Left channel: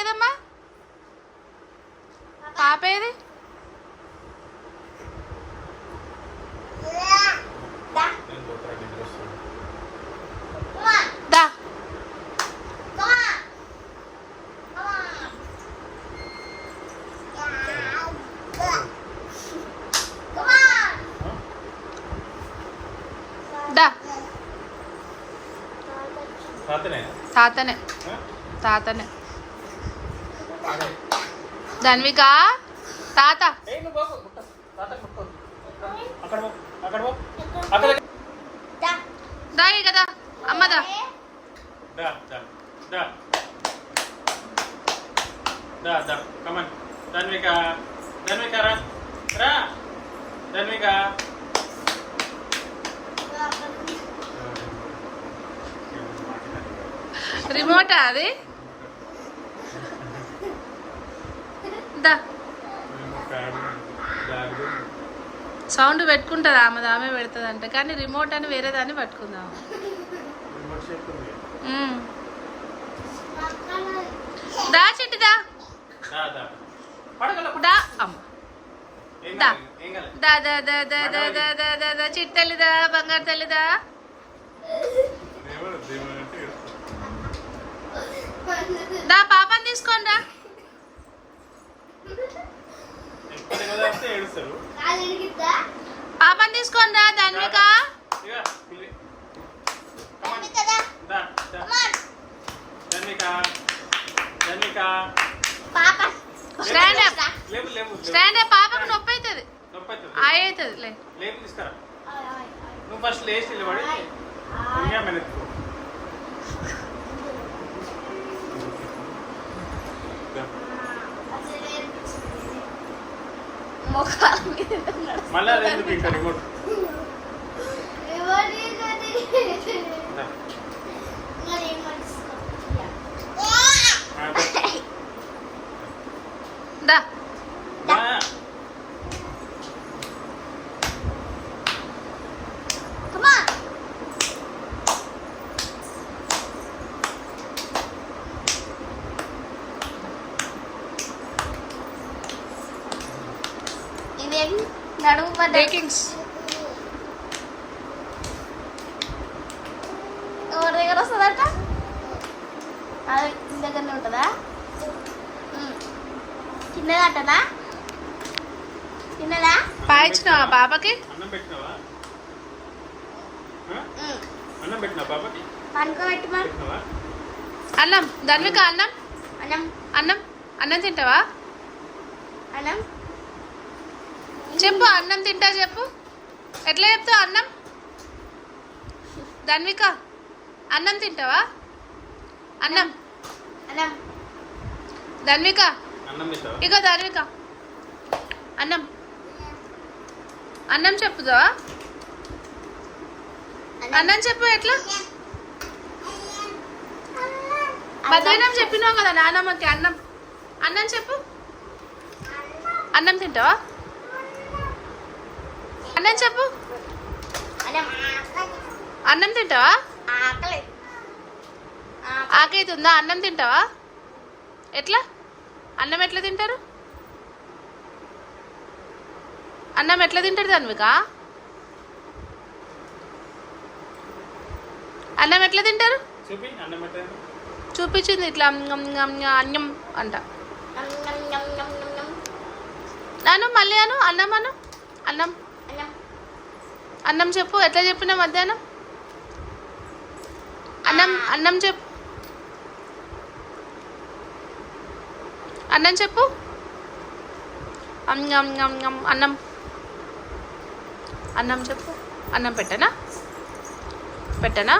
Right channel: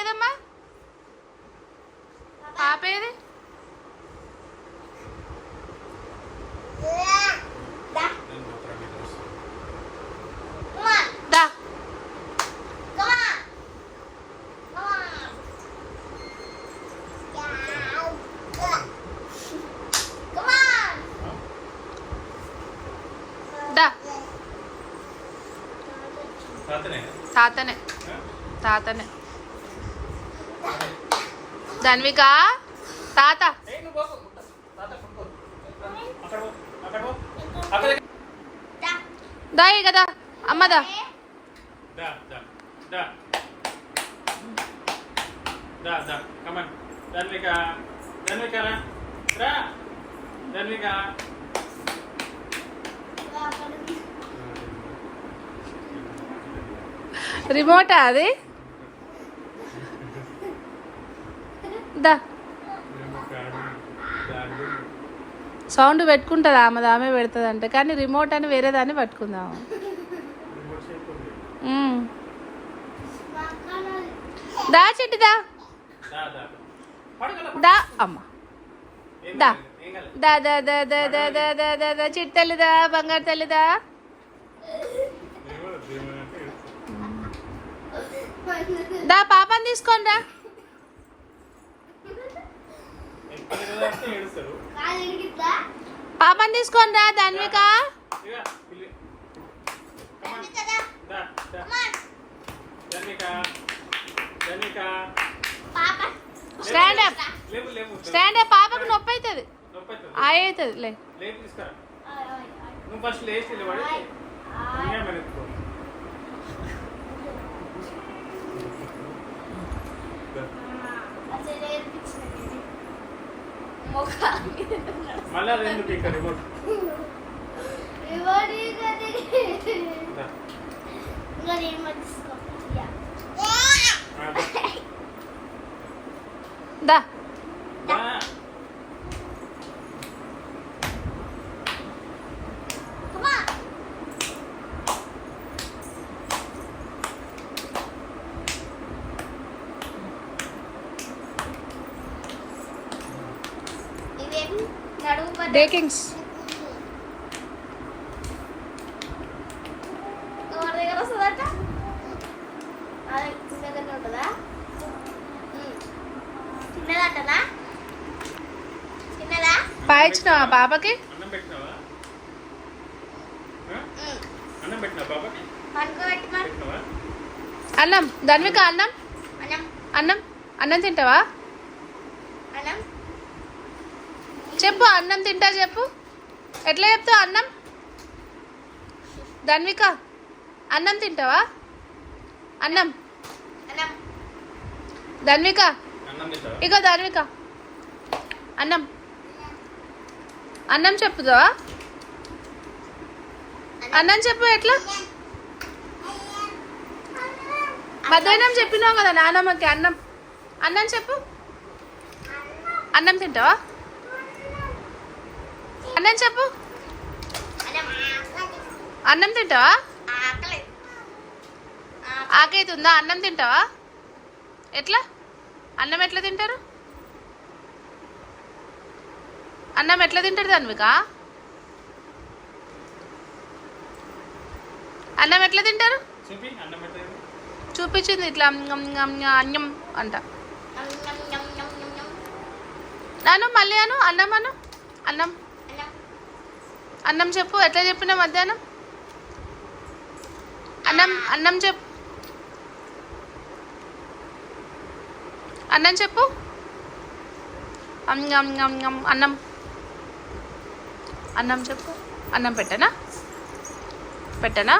ఏదమ్మా? పాప ఏది? దా దా తాతనే తాతనే ధన్విక తాత దాయి కదా అమ్మదా రిమోటా అది? దా సౌండ్ పెట్టుకుంటుంది ఆమె పెడుతుంది అంటే, కానీ రిమోట్ అని వేరే దాన్ని పట్టుకుందాం. దా చిట్టిదా దా అమ్మ దా దా దా దా దా దా దా దా దా దా చిట్టి తల్లిదా బంగారు తల్లిదా. దా పాపని తీసుకోండి రా. పాపని తీసుకోండి రా Dhanvika. Stand up stand up. పాపకు నొప్పి అవుతుంది అవుతుంది లే. దా బేకింగ్స్ దగ్గర వస్తుందట. దగ్గర ఉంటుందా? తిన్నదటనా? తిన్నదా? పాయించినావా పాపకి? అన్నం ధన్విక అన్నం అన్నం అన్నం తింటావా? చెప్పు అన్నం తింటా చెప్పు. ఎట్లా చెప్తావు అన్నం? ధన్విక అన్నం తింటావా? అన్నం ధన్విక ఇగో ధన్విక అన్నం అన్నం చెప్పుతావా? అన్నం చెప్పు. ఎట్లా? మధ్యాహ్నం చెప్పినావు కదా నానమ్మకి అన్నం. అన్నం చెప్పు. అన్నం తింటావా? అన్నం చెప్పు. అన్నం తింటావా? ఆకలి ఉందా? అన్నం తింటావా? ఎట్లా? అన్నం ఎట్లా తింటారు? అన్నం ఎట్లా తింటారు ధన్విక? అన్నం ఎట్లా తింటారు? చూపించింది ఇట్లా అన్నం అంట. నాను మళ్ళీ అను అన్నం అను. అన్నం అన్నం చెప్పు. ఎట్లా చెప్పినా మధ్యాహ్నం? అన్నం అన్నం చెప్పు. అన్నం చెప్పు. అన్నం అన్నం చెప్పు. అన్నం పెట్టనా? పెట్టనా?